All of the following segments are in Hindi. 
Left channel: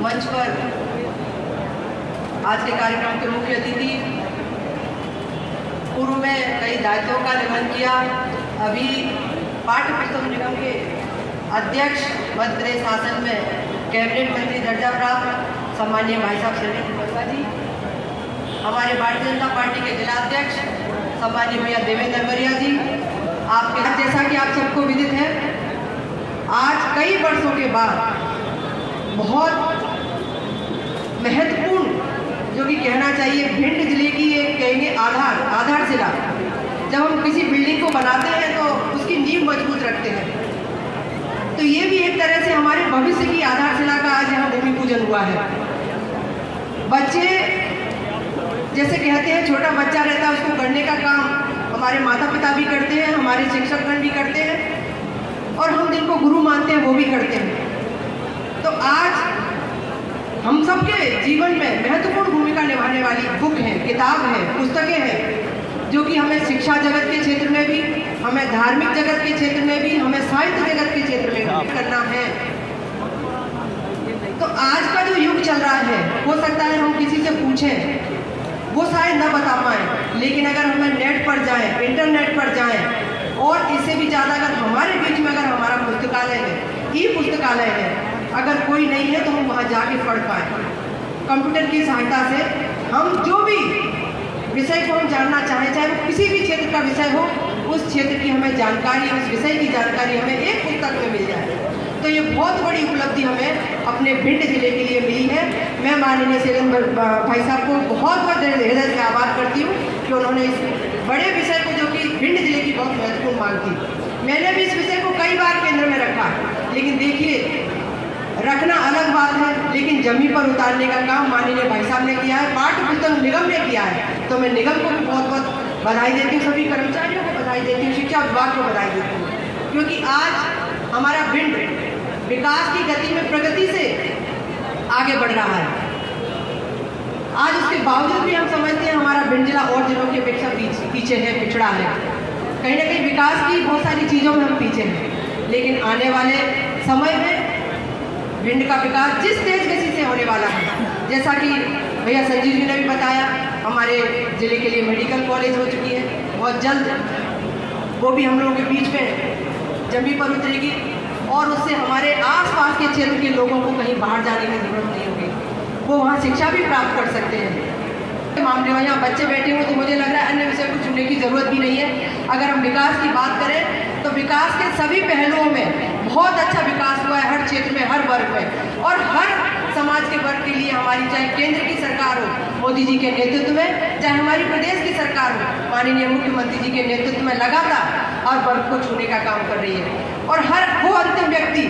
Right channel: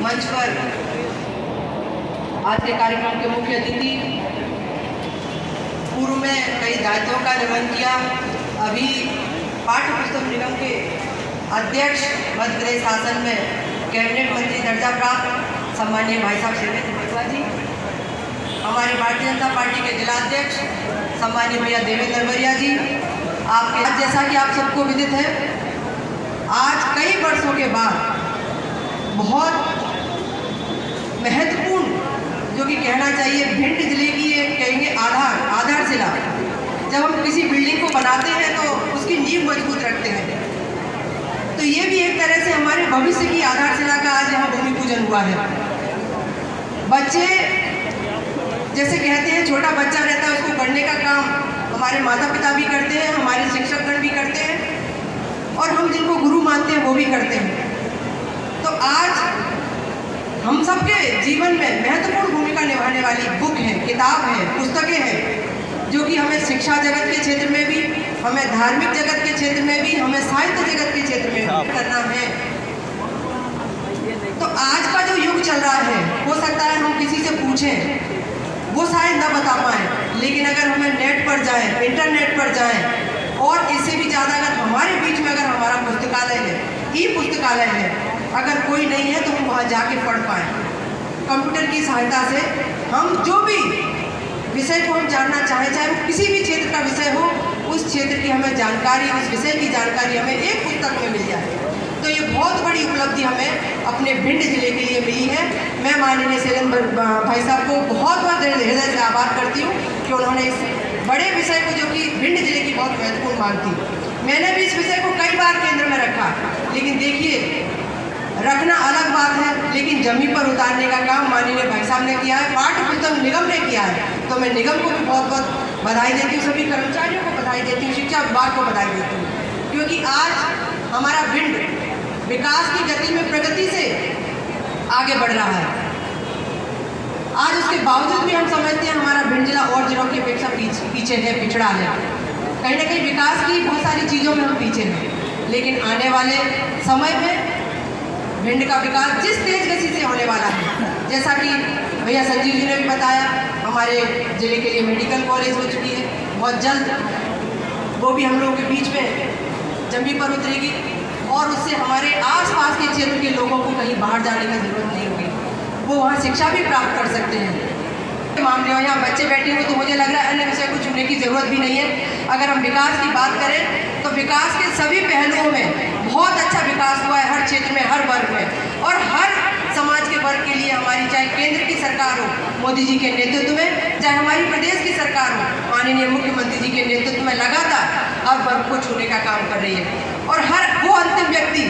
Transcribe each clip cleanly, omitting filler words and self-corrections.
मंच पर आज के कार्यक्रम के मुख्य अतिथि, पूर्व में कई दायित्वों का निर्वहन किया, अभी पाठ्य पुस्तक निगम के अध्यक्ष, मध्य प्रदेश शासन में कैबिनेट मंत्री दर्जा प्राप्त सम्मानीय भाई साहब शैलेंद्र जी, हमारे भारतीय जनता पार्टी के जिलाध्यक्ष सम्मानीय भैया देवेंद्र बरिया जी, आपके जैसा कि आप सबको विदित है, आज कई वर्षों के बाद बहुत महत्वपूर्ण, जो कि कहना चाहिए भिंड जिले की एक कहेंगे आधारशिला, जब हम किसी बिल्डिंग को बनाते हैं तो उसकी नींव मजबूत रखते हैं, तो ये भी एक तरह से हमारे भविष्य की आधारशिला का आज यहाँ भूमि पूजन हुआ है। बच्चे जैसे कहते हैं, छोटा बच्चा रहता है, उसको पढ़ने का काम हमारे माता पिता भी करते हैं, हमारे शिक्षकगण भी करते हैं, और हम जिनको गुरु मानते हैं वो भी करते हैं। तो आज हम सबके जीवन में महत्वपूर्ण भूमिका निभाने वाली बुक है, किताब है, पुस्तकें हैं, जो कि हमें शिक्षा जगत के क्षेत्र में भी, हमें धार्मिक जगत के क्षेत्र में भी, हमें साहित्य जगत के क्षेत्र में भी करना है। तो आज का जो युग चल रहा है, हो सकता है हम किसी से पूछें, वो शायद न बता पाए, लेकिन अगर हमें नेट पर जाएं, इंटरनेट पर जाएं, और इससे भी ज़्यादा अगर हमारे बीच में अगर हमारा पुस्तकालय है, ई पुस्तकालय है, अगर कोई नहीं है तो हम वहाँ जाके पढ़ पाएँ। कंप्यूटर की सहायता से हम जो भी विषय को हम जानना चाहें, चाहे वो किसी भी क्षेत्र का विषय हो, उस क्षेत्र की हमें जानकारी, उस विषय की जानकारी हमें एक पुस्तक में मिल जाए। तो ये बहुत बड़ी उपलब्धि हमें अपने भिंड जिले के लिए मिली है। मैं माननीय शैलेंद्र भाई साहब को बहुत बहुत हृदय से आभार करती हूँ कि उन्होंने इस बड़े विषय को, जो कि भिंड जिले की बहुत महत्वपूर्ण मांग थी, मैंने भी इस विषय को कई बार केंद्र में रखा, लेकिन देखिए रखना अलग बात है, लेकिन जमीन पर उतारने का काम माननीय भाई साहब ने किया है, पाठ्य पुस्तक निगम ने किया है। तो मैं निगम को भी बहुत बहुत बधाई देती हूँ, सभी कर्मचारियों को बधाई देती हूँ, शिक्षा विभाग को बधाई देती हूँ, क्योंकि आज हमारा भिंड विकास की गति में, प्रगति से आगे बढ़ रहा है। आज उसके बावजूद भी हम समझते हैं हमारा भिंड जिला और जिलों की अपेक्षा पीछे है, पिछड़ा है। कहीं ना कहीं विकास की बहुत सारी चीज़ों में हम पीछे हैं, लेकिन आने वाले समय में भिंड का विकास जिस तेज गति से होने वाला है, जैसा कि भैया संजीव जी ने भी बताया, हमारे जिले के लिए मेडिकल कॉलेज हो चुकी है, बहुत जल्द वो भी हम लोगों के बीच में जमीन पर उतरेगी, और उससे हमारे आसपास के क्षेत्र के लोगों को कहीं बाहर जाने की जरूरत नहीं होगी, वो वहाँ शिक्षा भी प्राप्त कर सकते हैं। मामले में यहाँ बच्चे बैठे हो तो मुझे लग रहा है अन्य विषय को चुनने की जरूरत भी नहीं है। अगर हम विकास की बात करें तो विकास के सभी पहलुओं में बहुत अच्छा विकास हुआ है, हर क्षेत्र में, हर वर्ग में, और हर समाज के वर्ग के लिए हमारी, चाहे केंद्र की सरकार हो मोदी जी के नेतृत्व में, चाहे हमारी प्रदेश की सरकार हो माननीय मुख्यमंत्री जी के नेतृत्व में, लगातार हर वर्ग को छूने का काम कर रही है। और हर वो अंतिम व्यक्ति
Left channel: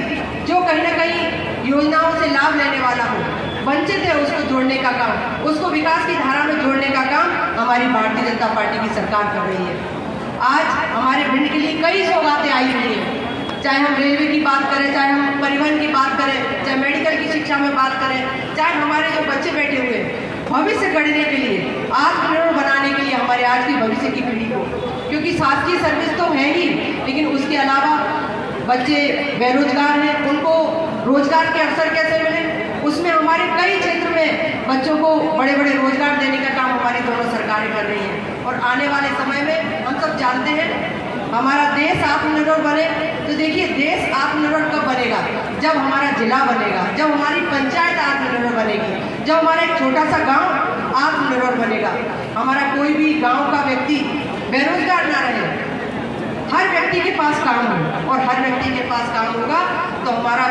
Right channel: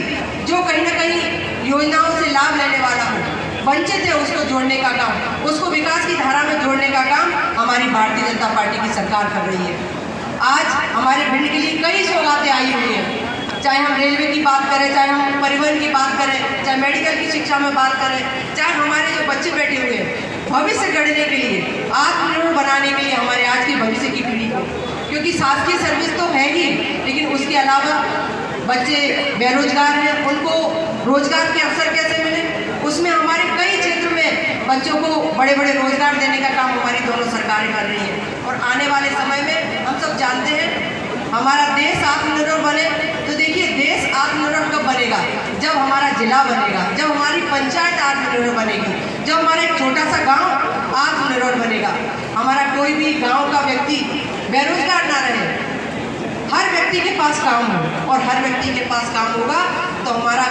जो कहीं ना कहीं योजनाओं से लाभ लेने वाला हो, वंचित है, उसको जोड़ने का काम, उसको विकास की धारा में जोड़ने का काम हमारी भारतीय जनता पार्टी की सरकार कर रही है। आज हमारे भिंड के लिए कई सौगातें आई हुई हैं, चाहे हम रेलवे की बात करें, चाहे हम परिवहन की बात करें, चाहे मेडिकल की शिक्षा में बात करें, चाहे हमारे जो बच्चे बैठे हुए हैं भविष्य गढ़ने के लिए, आत्मनिर्भर बनाने के लिए हमारे आज की भविष्य की पीढ़ी को, क्योंकि शासकीय सर्विस तो है ही, लेकिन उसके अलावा बच्चे बेरोजगार हैं, उनको रोजगार के अवसर कैसे मिले, उसमें हमारे कई क्षेत्र में बच्चों को बड़े बड़े रोजगार देने का काम हमारी दोनों सरकारें कर रही हैं। और आने वाले समय में हम सब जानते हैं हमारा देश आत्मनिर्भर बने, तो देखिए देश आत्मनिर्भर कब बनेगा, जब हमारा जिला बनेगा, जब हमारी पंचायत आत्मनिर्भर बनेगी, जब हमारा एक छोटा सा गांव आत्मनिर्भर बनेगा, हमारा कोई भी गांव का व्यक्ति बेरोजगार ना रहे, हर व्यक्ति के पास काम हो, और हर व्यक्ति के पास काम होगा तो हमारा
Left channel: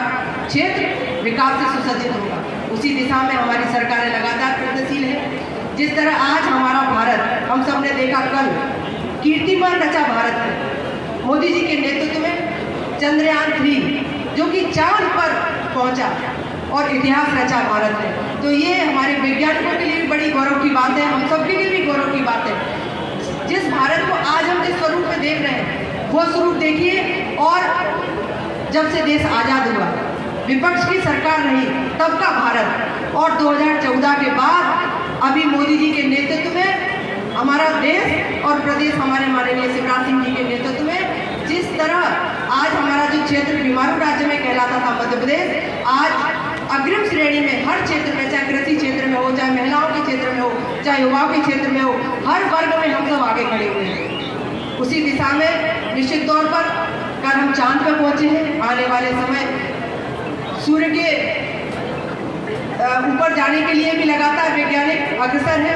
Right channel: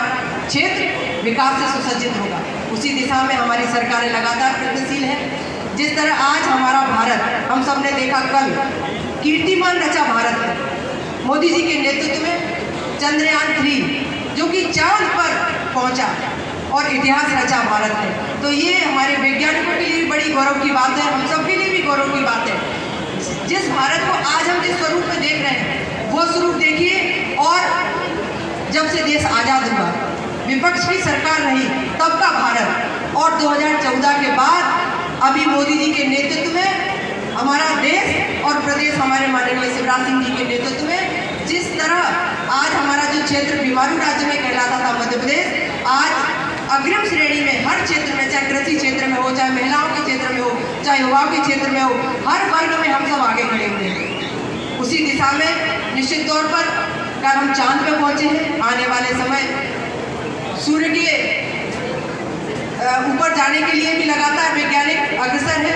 क्षेत्र विकास से सुसज्जित होगा। उसी दिशा में हमारी सरकारें लगातार प्रयत्नशील हैं। जिस तरह आज हमारा भारत, हम सब ने देखा कल कीर्तिमान रचा भारत में मोदी जी के नेतृत्व में चंद्रयान 3 जो कि चांद पर पहुंचा और इतिहास रचा भारत ने, तो ये हमारे वैज्ञानिकों के लिए बड़ी गौरव की बात है, हम सब के लिए भी गौरव की बात है। जिस भारत को आज हम जिस स्वरूप में देख रहे हैं वो स्वरूप देखिए, और जब से देश आज़ाद हुआ, विपक्ष की सरकार रही तब का भारत, और 2014 के बाद अभी मोदी जी के नेतृत्व में हमारा देश और प्रदेश हमारे माननीय शिवराज सिंह जी के नेतृत्व में जिस तरह आज हमारा जो क्षेत्र बीमारू राज्य में कहलाता था मध्य प्रदेश, आज अग्रिम श्रेणी में हर क्षेत्र में, चाहे कृषि क्षेत्र में हो, चाहे महिलाओं के क्षेत्र में हो, चाहे युवाओं के क्षेत्र में हो, हर वर्ग में हम सब आगे खड़े हुए हैं। उसी दिशा में निश्चित तौर पर कल हम चांद पे पहुंचे हैं। आने वाले समय सूर्य के ऊपर जाने के लिए भी लगातार वैज्ञानिक अग्रसर है।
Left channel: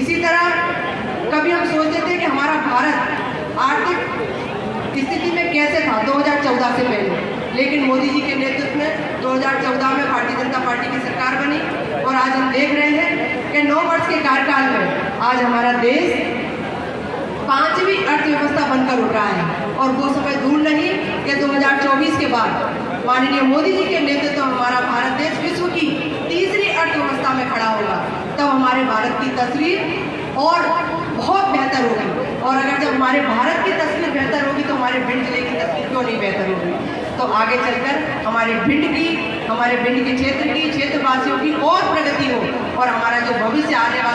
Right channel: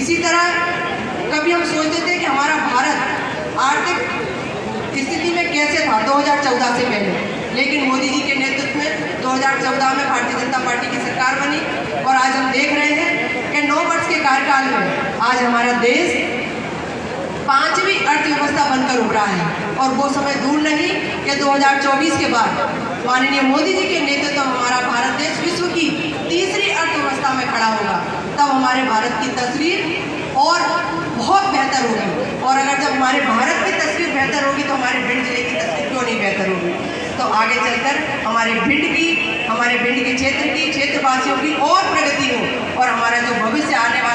इसी तरह कभी हम सोचते थे कि हमारा भारत आर्थिक स्थिति में कैसे था 2014 से पहले, लेकिन मोदी जी के नेतृत्व में 2014 में भारतीय जनता पार्टी की सरकार बनी और आज हम देख रहे हैं कि 9 वर्ष के कार्यकाल में आज हमारा देश 5वीं अर्थव्यवस्था बनकर उभरा है। और वो समय दूर नहीं कि 2024 के बाद माननीय मोदी जी के नेतृत्व में हमारा भारत देश विश्व की तीसरी अर्थव्यवस्था में खड़ा होगा। तब हमारे भारत की तस्वीर और बहुत बेहतर होगी। और अगर जब हमारे भारत की तस्वीर बेहतर होगी तो हमारे भिंड जिले की तस्वीर क्यों नहीं बेहतर होगी। तो आगे चलकर हमारे भिंड के क्षेत्र की, क्षेत्रवासियों की और प्रगति हो और हमारा जो भविष्य आने वाला